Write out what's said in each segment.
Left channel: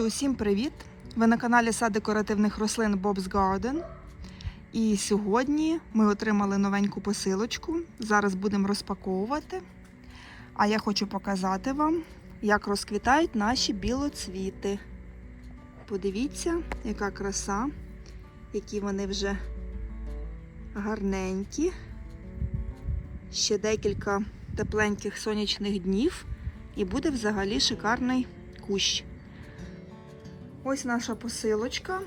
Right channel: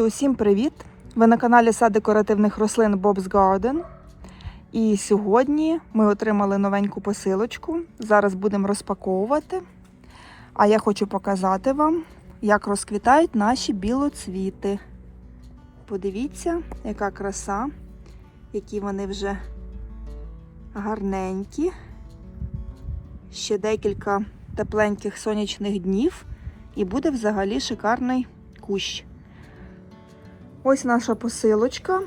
Друзі, усім привіт! Ви на каналі Сад декоративних рослин Bob's Garden. І сьогодні ми отримали новеньку посилочку. Зараз будемо розпаковувати. А я хочу показати вам, як розквітають наші білоцвіти. Подивіться, яка краса, які вони вже гарненькі. Ще декілька тепленьких сонячних днів, і буде взагалі шикарний кущ. Ось наша посилочка.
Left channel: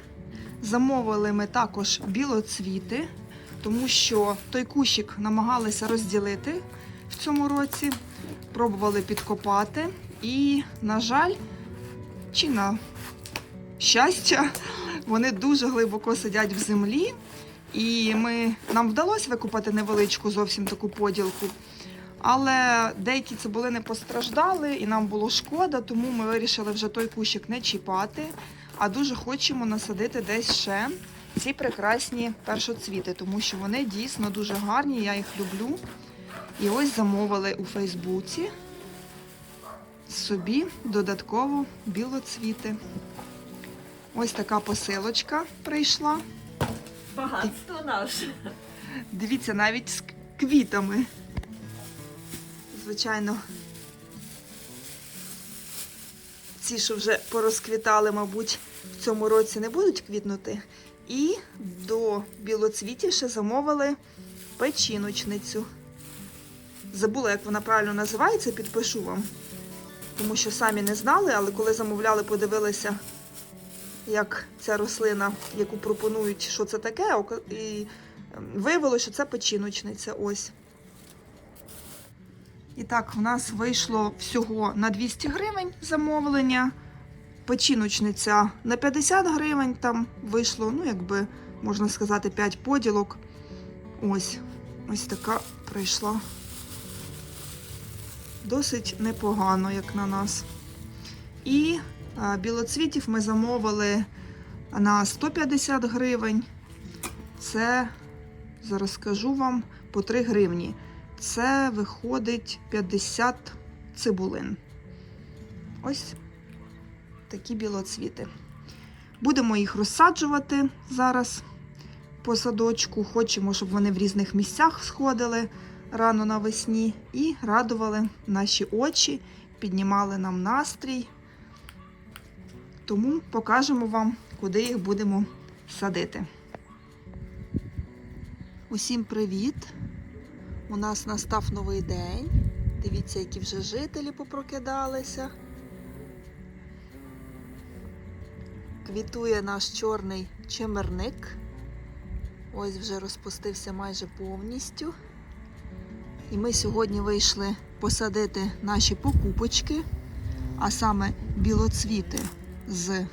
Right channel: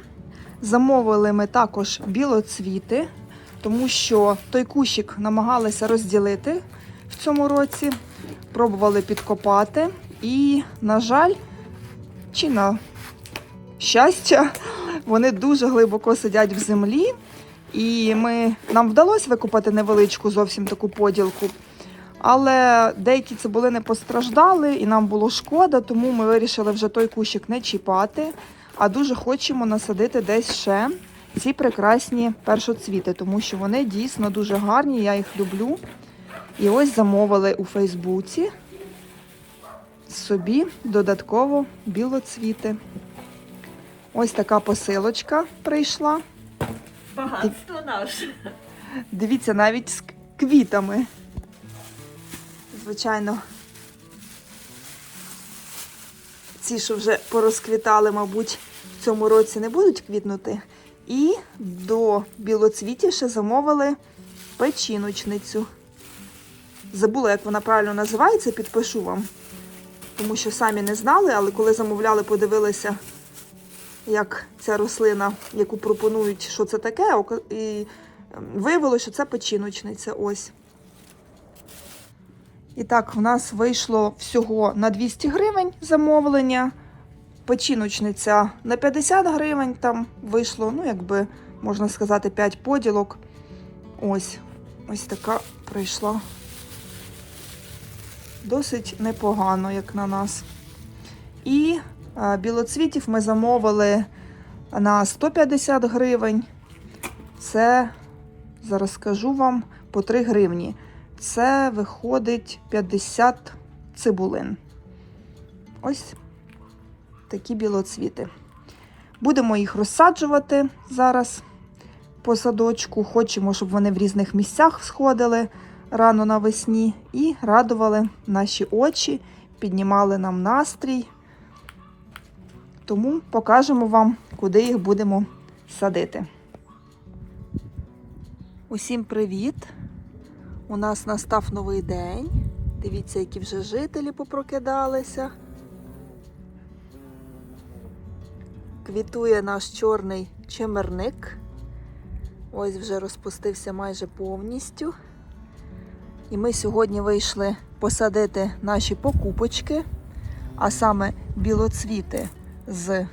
Замовили ми також білоцвіти, тому що той кущик намагалися розділити в цьому році, пробували підкопати. І, на жаль, чи на щастя, вони дуже глибоко сидять в землі. І ми, нам вдалося викопати невеличку зовсім таку поділку. Але деякі цибулини постраждали, і нам було шкода, тому ми вирішили вже той кущик не чіпати, а дуже хочемо насадити десь ще ці прекрасні першоцвіти, тому що вони дійсно дуже гарні, я їх люблю. І ось замовили у Фейсбуці собі додатково білоцвіти. Ось така посилочка прийшла. Багатство наше. Дивіться, навіть з квітами. Звичайно, ці, що вже порозквітали, мабуть, в цьому році не будуть квітнути. І до білоцвітів ще замовили печіночницю. Забула, як вона правильно називається, підпишу вам. Тому що самі не знали, але коли замовляли, подивилися, як ця рослина, яку пропонують, що це таке, і Виявилося, що це печіночниця. Ось. І так, в нас вийшло всього на 200 гривень замовлення. Печіночниця на 50 гривень там вийшло, ну, якби, можна сказати, 5 поділок. Ось. Ось така прийшла. Досить непогано, як на нас. І а, білоцвітів ми замовили на 150 гривень. Це Зараз скажу вам по 3 гривні. Це виходить 50 цибулин. Ось такі білоцвіти. Будемо їх розсаджувати зараз по садочку. Хочемо, щоб вони в різних місцях сходили рано навесні і радували наші очі, піднімали нам настрій. Тому покажемо вам, куди їх будемо садити. Усім привіт! У нас настав новий день. Дивіться, які вже жителі попрокидалися. Квітує наш чорний чимерник. Ось вже розпустився майже повністю. І ми сьогодні вийшли посадити наші покупочки, а саме білоцвіти з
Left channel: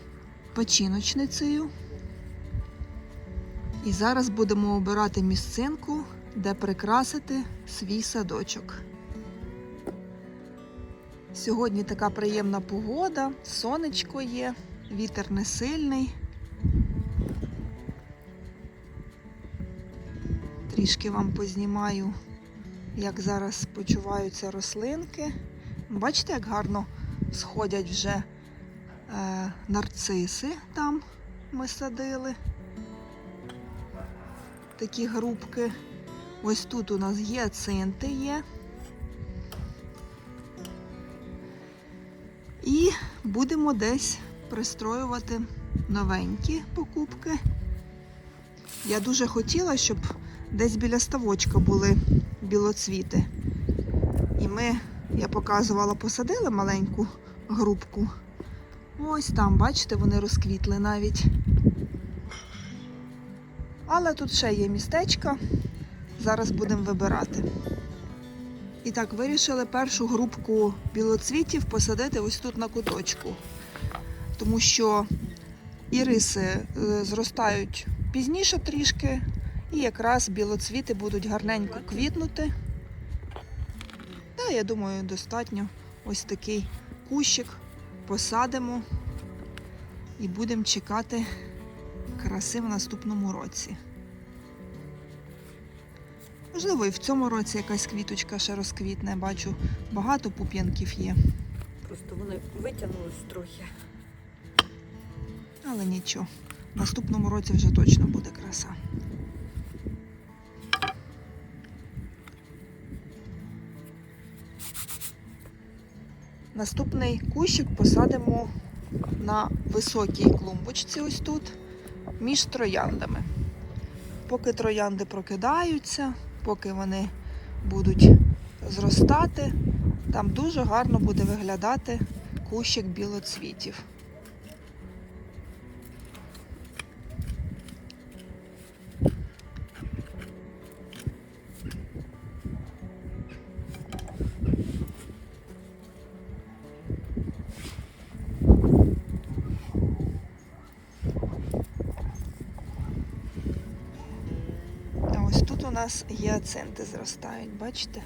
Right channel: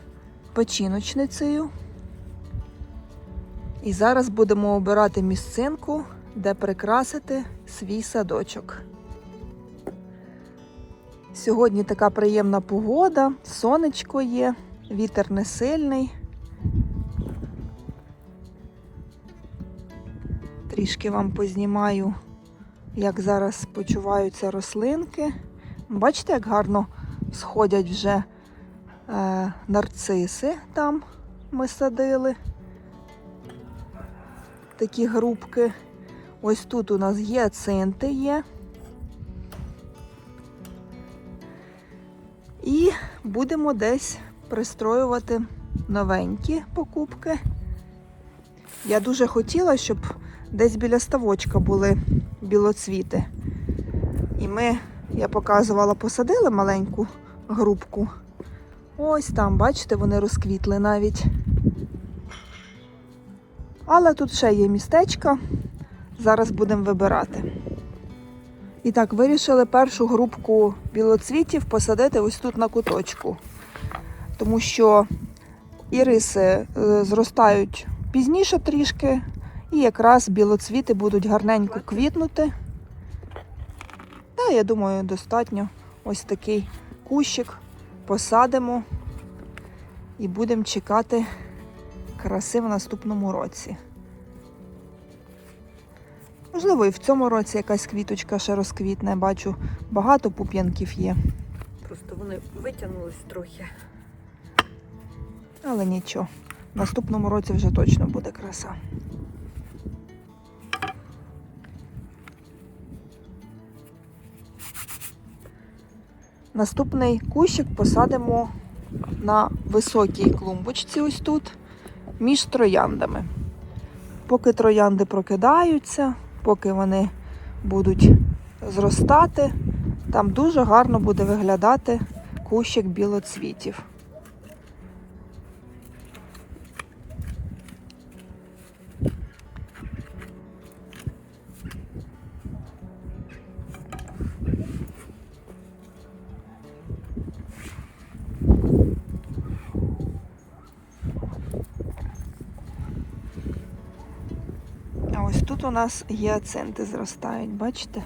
печіночницею. І зараз будемо обирати місцинку, де прикрасити свій садочок. Сьогодні така приємна погода, сонечко є, вітер не сильний. Трішки вам познімаю, як зараз почуваються рослинки. Бачите, як гарно сходять вже е, нарциси там ми садили такі грубки. Ось тут у нас гіацинти є. І будемо десь пристроювати новенькі покупки. Я дуже хотіла, щоб десь біля ставочка були білоцвіти. І ми, я показувала, посадили маленьку грубку. Ось там, бачите, вони розквітли навіть. Але тут ще є містечко. Зараз будемо вибирати. І так, вирішили першу групку білоцвітів посадити ось тут на куточку. Тому що іриси е, зростають пізніше трішки, і якраз білоцвіти будуть гарненько квітнути. Та, я думаю, достатньо ось такий кущик посадимо і будемо чекати краси в наступному році. Можливо, і в цьому році якась квіточка ще розквітне. Бачу, багато пуп'янків є. Просто вони витягнулись трохи. Але нічого. В наступному році вже точно буде краса. Наступний кущик посадимо на високій клумбочці, ось тут, між трояндами. Поки троянди прокидаються, поки вони будуть зростати, там дуже гарно буде виглядати кущик білоцвітів. Тут у нас гіацинти зростають, бачите?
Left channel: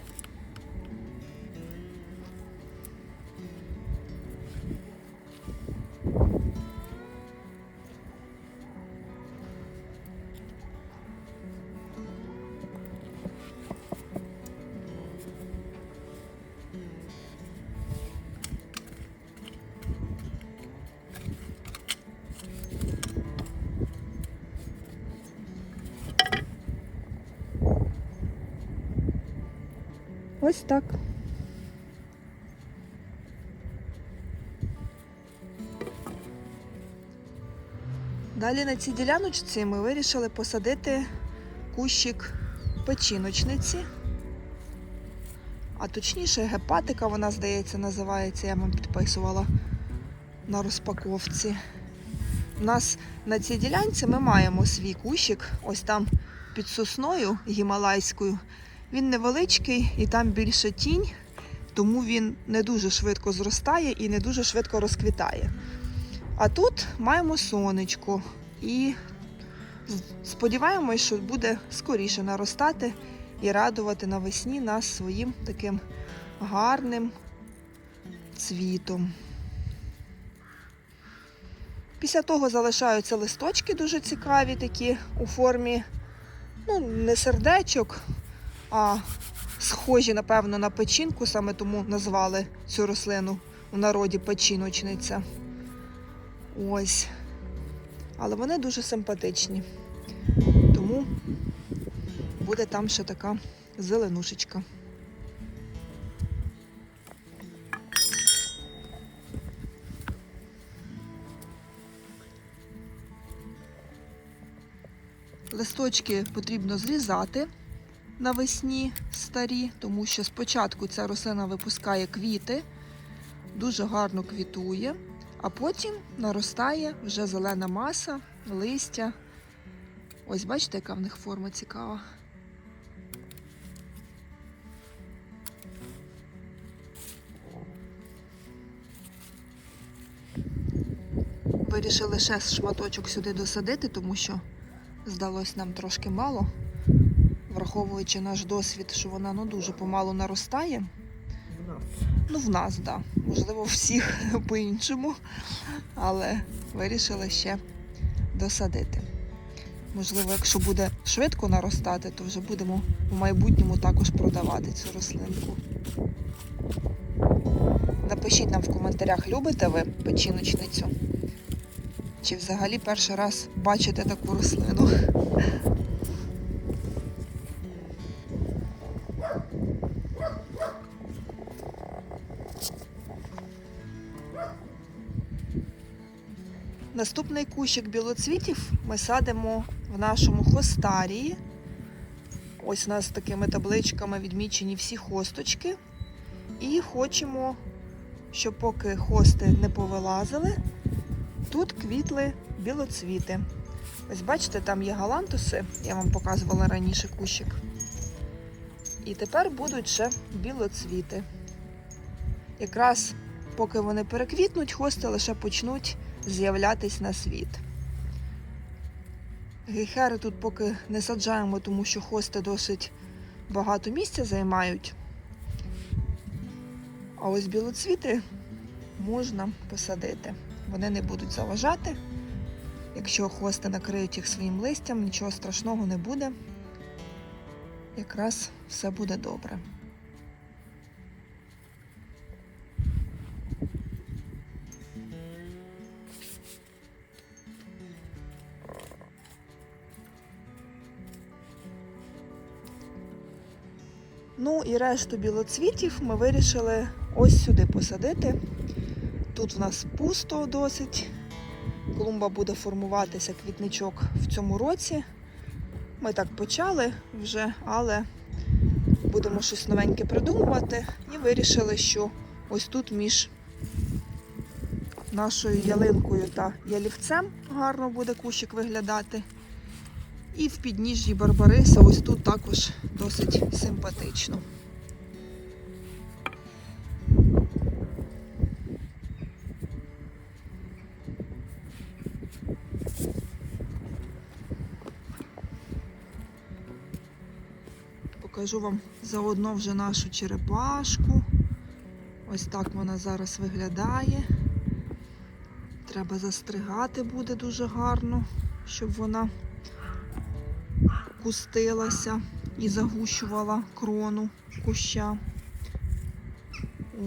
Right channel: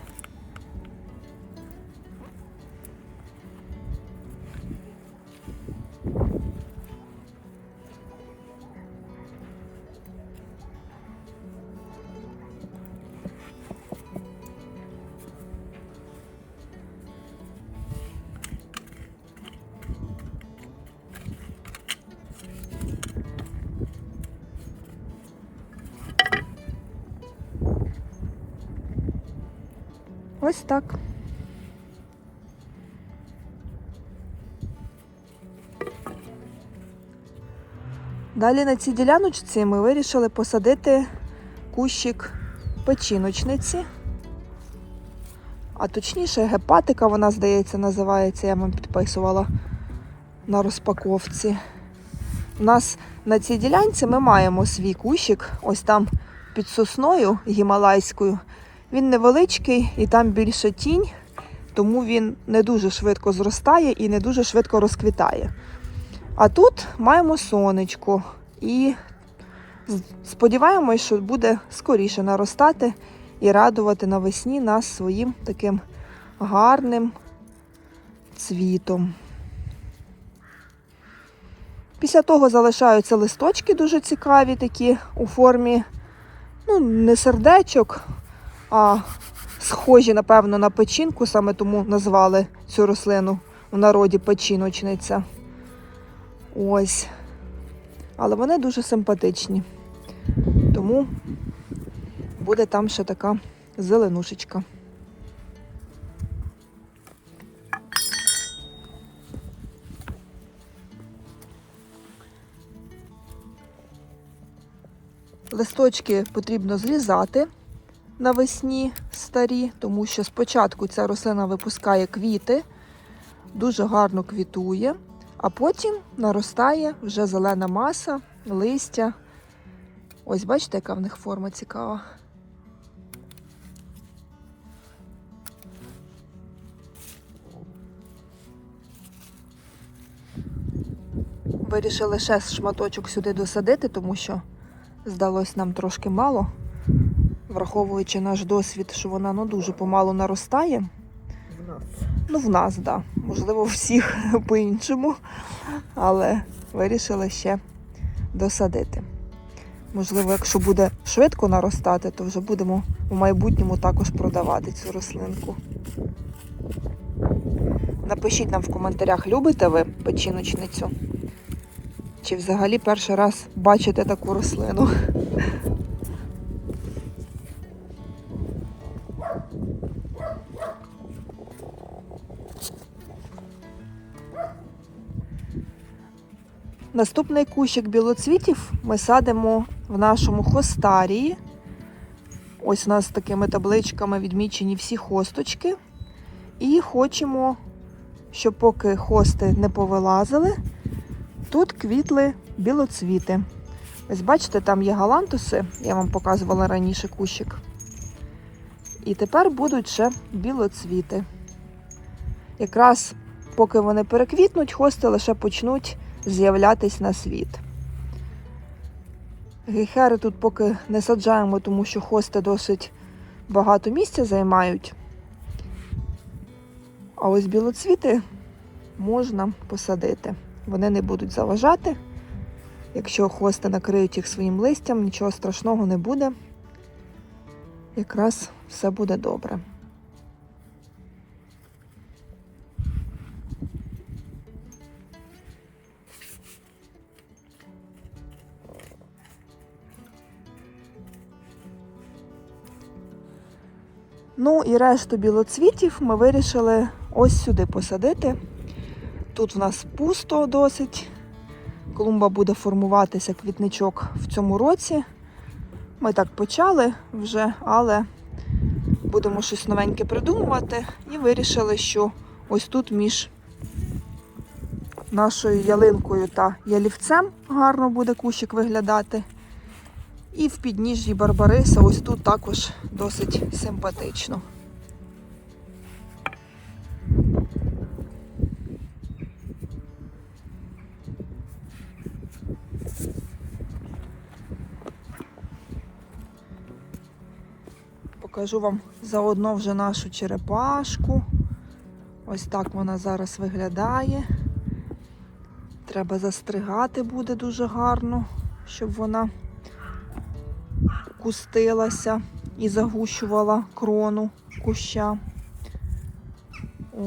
Ось так. Далі на цій діляночці ми вирішили посадити кущик печіночниці. А точніше, гепатика, вона, здається, називається, я вам підписувала на розпаковці. У нас на цій ділянці ми маємо свій кущик, ось там під сосною гімалайською. Він невеличкий і там більше тінь, тому він не дуже швидко зростає і не дуже швидко розквітає. А тут маємо сонечко і сподіваємось, що буде скоріше наростати і радувати навесні нас своїм таким гарним цвітом. Після того залишаються листочки дуже цікаві, такі у формі, ну, не сердечок, а схожі, напевно, на печінку, саме тому назвали цю рослину в народі печіночниця. Ось. Але вони дуже симпатичні. Тому буде там ще така зеленушечка. Листочки потрібно зрізати навесні старі, тому що спочатку ця рослина випускає квіти, дуже гарно квітує, а потім наростає вже зелена маса, листя. Ось бачите, яка в них форма цікава. Вирішили ще шматочок сюди досадити, тому що здалось нам трошки мало враховуючи наш досвід, що вона ну, дуже помалу наростає. В нас. Ну, в нас, так. Да. Можливо, всіх по-іншому. Але вирішили ще досадити. Можливо, якщо буде швидко наростати, то вже будемо у майбутньому також продавати цю рослинку. Напишіть нам в коментарях, любите ви печіночницю? Чи взагалі перший раз бачите таку рослину? Наступний кущик білоцвітів ми садимо в нашому хостарії. Ось у нас такими табличками відмічені всі хосточки. І хочемо, щоб поки хости не повилазили, тут квітли білоцвіти. Ось бачите, там є галантуси, я вам показувала раніше кущик. І тепер будуть ще білоцвіти. Якраз поки вони переквітнуть, хости лише почнуть з'являтись на світ. Гейхери тут поки не саджаємо, тому що хости досить багато місця займають. А ось білоцвіти можна посадити. Вони не будуть заважати. Якщо хости накриють їх своїм листям, нічого страшного не буде. Якраз все буде добре. Ну і решту білоцвітів ми вирішили ось сюди посадити. Тут в нас пусто досить. Клумба буде формуватися квітничок в цьому році. Ми так почали вже, але будемо щось новеньке придумувати. І вирішили, що ось тут між нашою ялинкою та ялівцем гарно буде кущик виглядати. І в підніжжі Барбариса ось тут також досить симпатично. Покажу вам заодно вже нашу черепашку. Ось так вона зараз виглядає. Треба застригати буде дуже гарно, щоб вона кустилася і загущувала крону куща.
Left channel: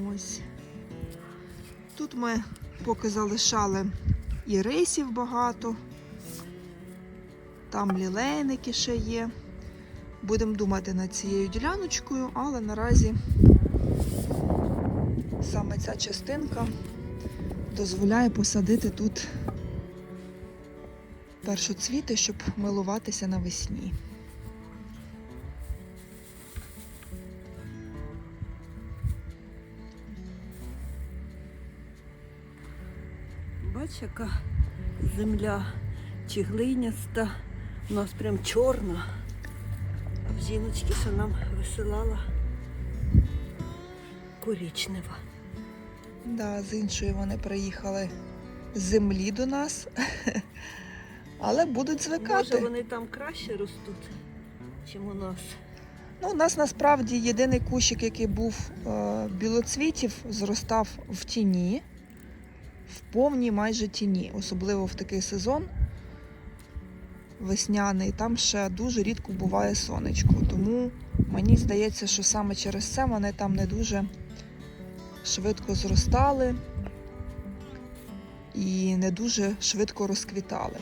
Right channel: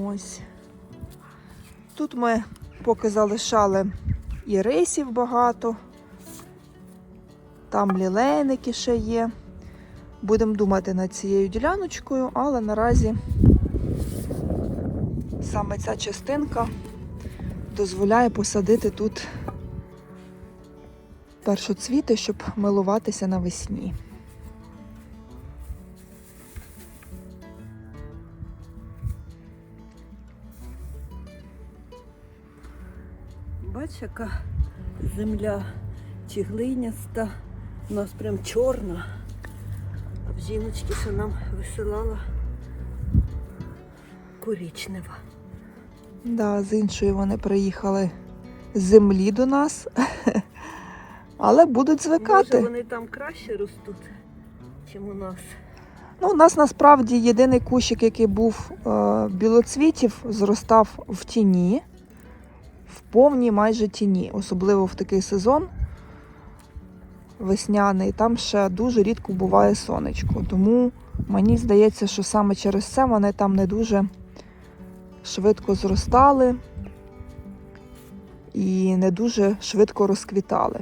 Ось. Тут ми поки залишали і рисів багато, там лілейники ще є. Будемо думати над цією діляночкою, але наразі саме ця частинка дозволяє посадити тут першоцвіти, щоб милуватися навесні. Бач, яка земля чи глиняста, у нас прям чорна. А в жіночки, що нам висилала коричнева. Да, з іншої вони приїхали з землі до нас, але будуть звикати. Може вони там краще ростуть, ніж у нас. Ну, у нас насправді єдиний кущик, який був е, білоцвітів, зростав в тіні, в повній майже тіні, особливо в такий сезон весняний. Там ще дуже рідко буває сонечко. Тому мені здається, що саме через це вони там не дуже швидко зростали і не дуже швидко розквітали.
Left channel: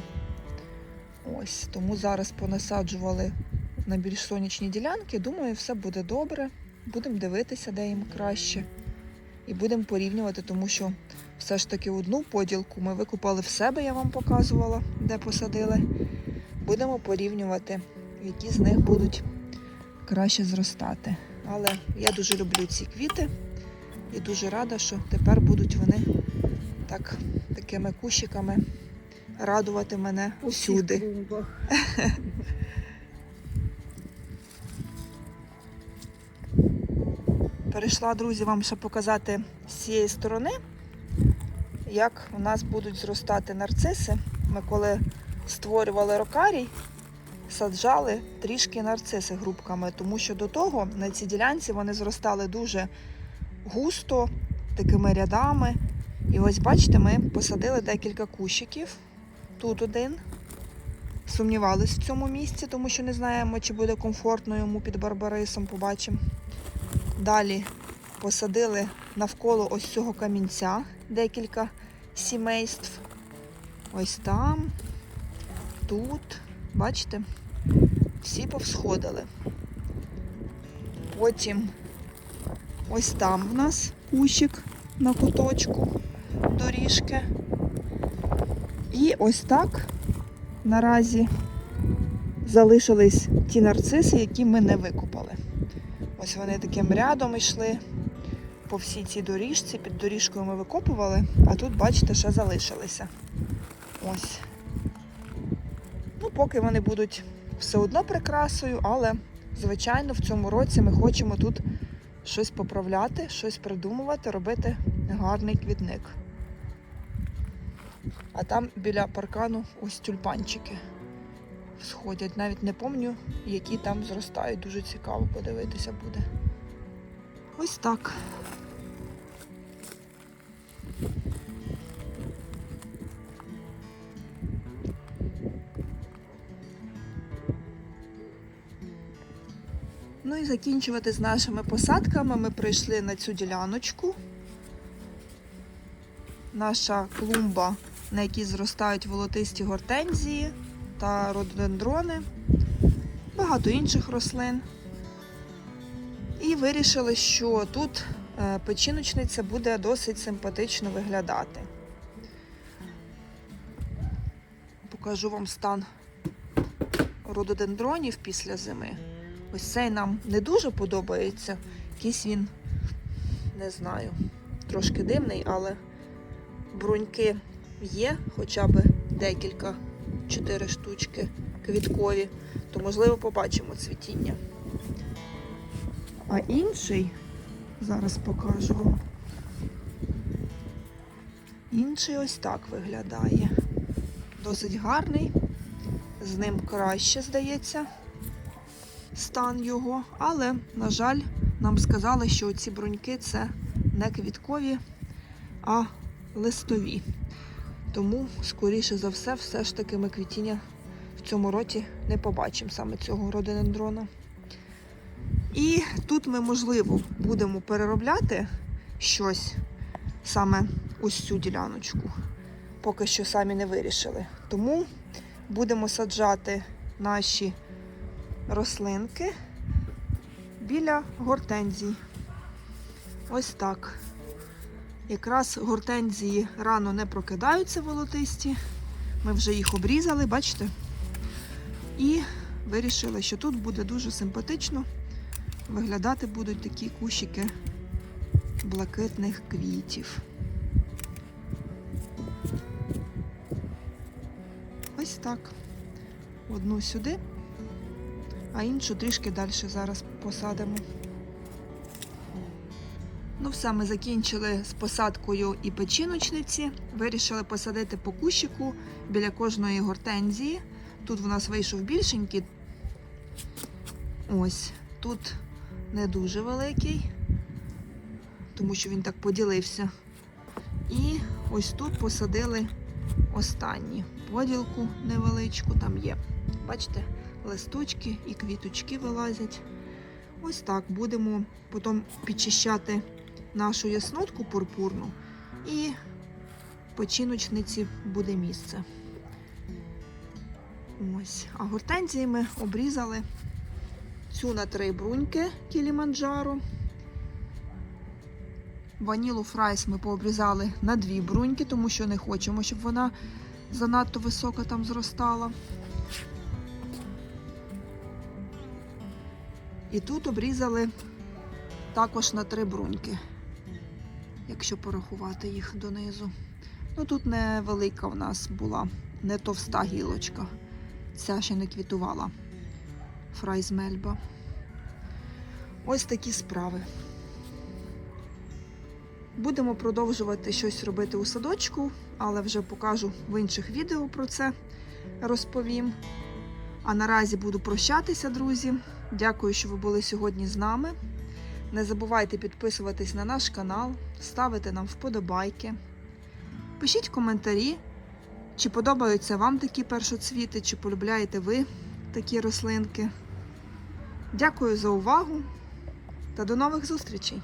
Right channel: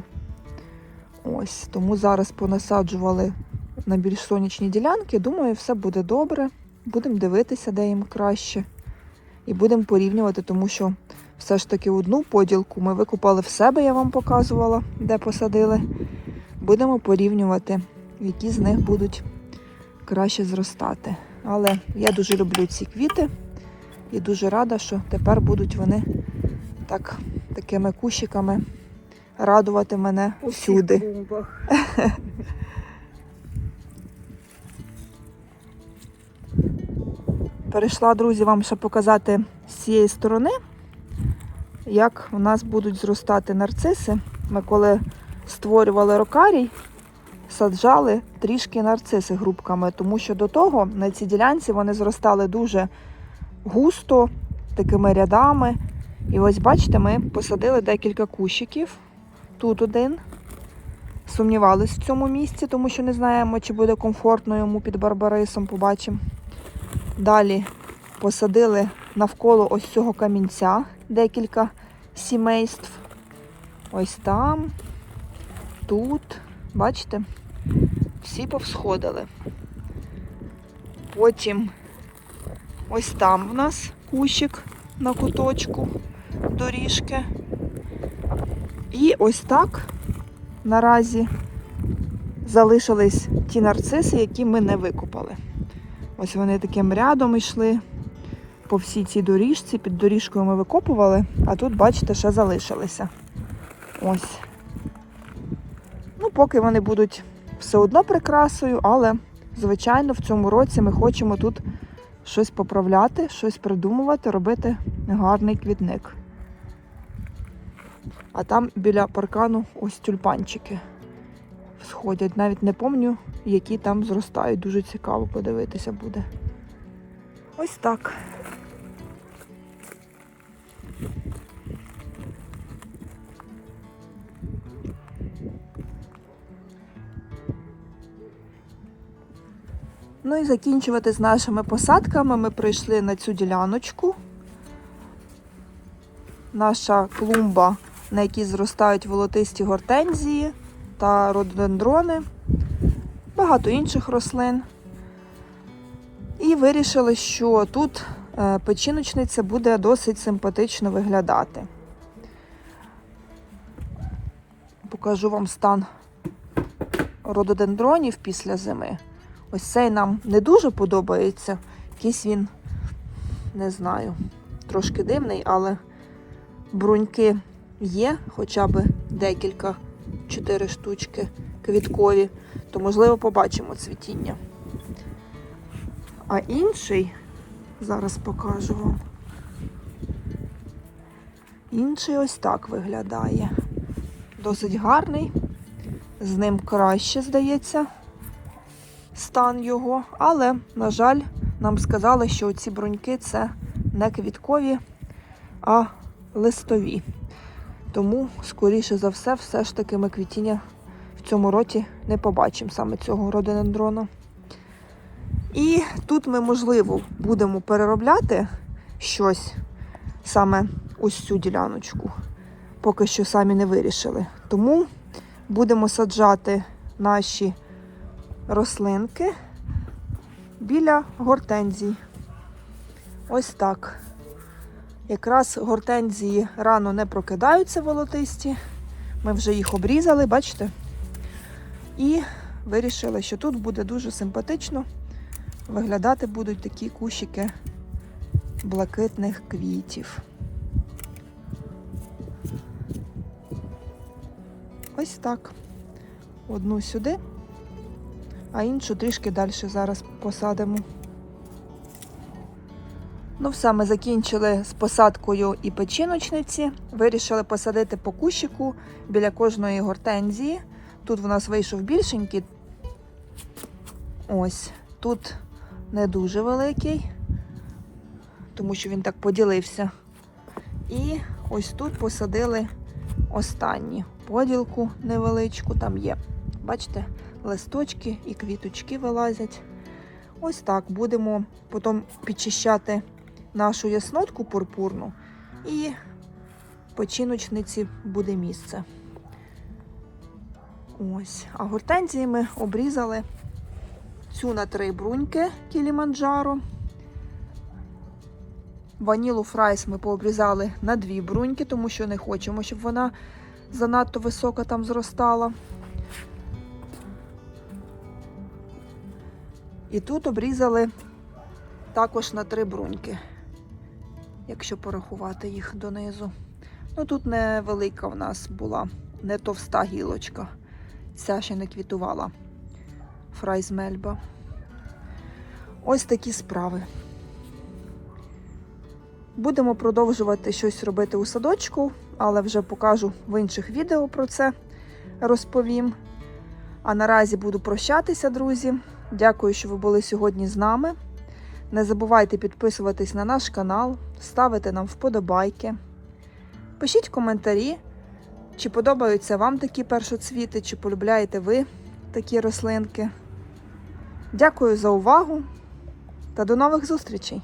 Ось тому зараз понасаджували на більш сонячні ділянки. Думаю, все буде добре. Будемо дивитися, де їм краще. І будемо порівнювати, тому що все ж таки одну поділку ми викупали в себе, я вам показувала, де посадили. Будемо порівнювати, які з них будуть краще зростати. Але я дуже люблю ці квіти і дуже рада, що тепер будуть вони так, такими кущиками радувати мене У всюди. Перейшла, друзі, вам ще показати з цієї сторони, як у нас будуть зростати нарциси. Ми коли створювали рокарій, саджали трішки нарциси грубками, тому що до того на цій ділянці вони зростали дуже густо, такими рядами. І ось бачите, ми посадили декілька кущиків. Тут один. Сумнівались в цьому місці, тому що не знаємо, чи буде комфортно йому під барбарисом. Побачимо. Далі посадили навколо ось цього камінця декілька сімейств. Ось там, тут, бачите, всі повсходили. Потім ось там в нас кущик на куточку доріжки. І ось так наразі залишились ті нарциси, які ми не викопали. Ось вони таким рядом йшли по всій цій доріжці. Під доріжкою ми викопували, а тут, бачите, ще залишилися. Ось. Ну, поки вони будуть все одно прикрасою, але, звичайно, в цьому році ми хочемо тут щось поправляти, щось придумувати, робити гарний квітник. А там біля паркану ось тюльпанчики сходять. Навіть не пам'ятаю, які там зростають. Дуже цікаво подивитися буде. Ось так. Ну і закінчувати з нашими посадками ми прийшли на цю діляночку. Наша клумба, на якій зростають волотисті гортензії та рододендрони, багато інших рослин. І вирішили, що тут е, печіночниця буде досить симпатично виглядати. Покажу вам стан рододендронів після зими. Ось цей нам не дуже подобається. Якийсь він, не знаю, трошки дивний, але бруньки є, хоча б декілька, чотири штучки квіткові, то можливо побачимо цвітіння. А інший, зараз покажу вам. Інший ось так виглядає. Досить гарний. З ним краще, здається, стан його. Але, на жаль, нам сказали, що ці бруньки це не квіткові, а листові. Тому, скоріше за все, все ж таки ми квітіння в цьому році не побачимо саме цього рододендрона. І тут ми, можливо, будемо переробляти щось саме ось цю діляночку. Поки що самі не вирішили. Тому будемо саджати наші рослинки біля гортензій. Ось так. Якраз гортензії рано не прокидаються волотисті. Ми вже їх обрізали, бачите? І вирішили, що тут буде дуже симпатично виглядати будуть такі кущики блакитних квітів. Ось так. Одну сюди, а іншу трішки далі зараз посадимо. Ну, все, ми закінчили з посадкою і печіночниці. Вирішили посадити по кущику біля кожної гортензії. Тут в нас вийшов більшенький. Ось. Тут не дуже великий, тому що він так поділився. І ось тут посадили останні поділку невеличку, там є. Бачите, листочки і квіточки вилазять. Ось так будемо потім підчищати нашу яснотку пурпурну і починочниці буде місце. Ось. А гортензії ми обрізали цю на три бруньки Кіліманджаро. Ванілу фрайс ми пообрізали на дві бруньки, тому що не хочемо, щоб вона занадто високо там зростала. І тут обрізали також на три бруньки, якщо порахувати їх донизу. Ну тут невелика в нас була, не товста гілочка. Ця ще не квітувала. Фрайз Мельба. Ось такі справи. Будемо продовжувати щось робити у садочку, але вже покажу в інших відео про це розповім. А наразі буду прощатися, друзі. Дякую, що ви були сьогодні з нами. Не забувайте підписуватись на наш канал, ставити нам вподобайки. Пишіть коментарі, чи подобаються вам такі першоцвіти, чи полюбляєте ви такі рослинки. Дякую за увагу та до нових зустрічей!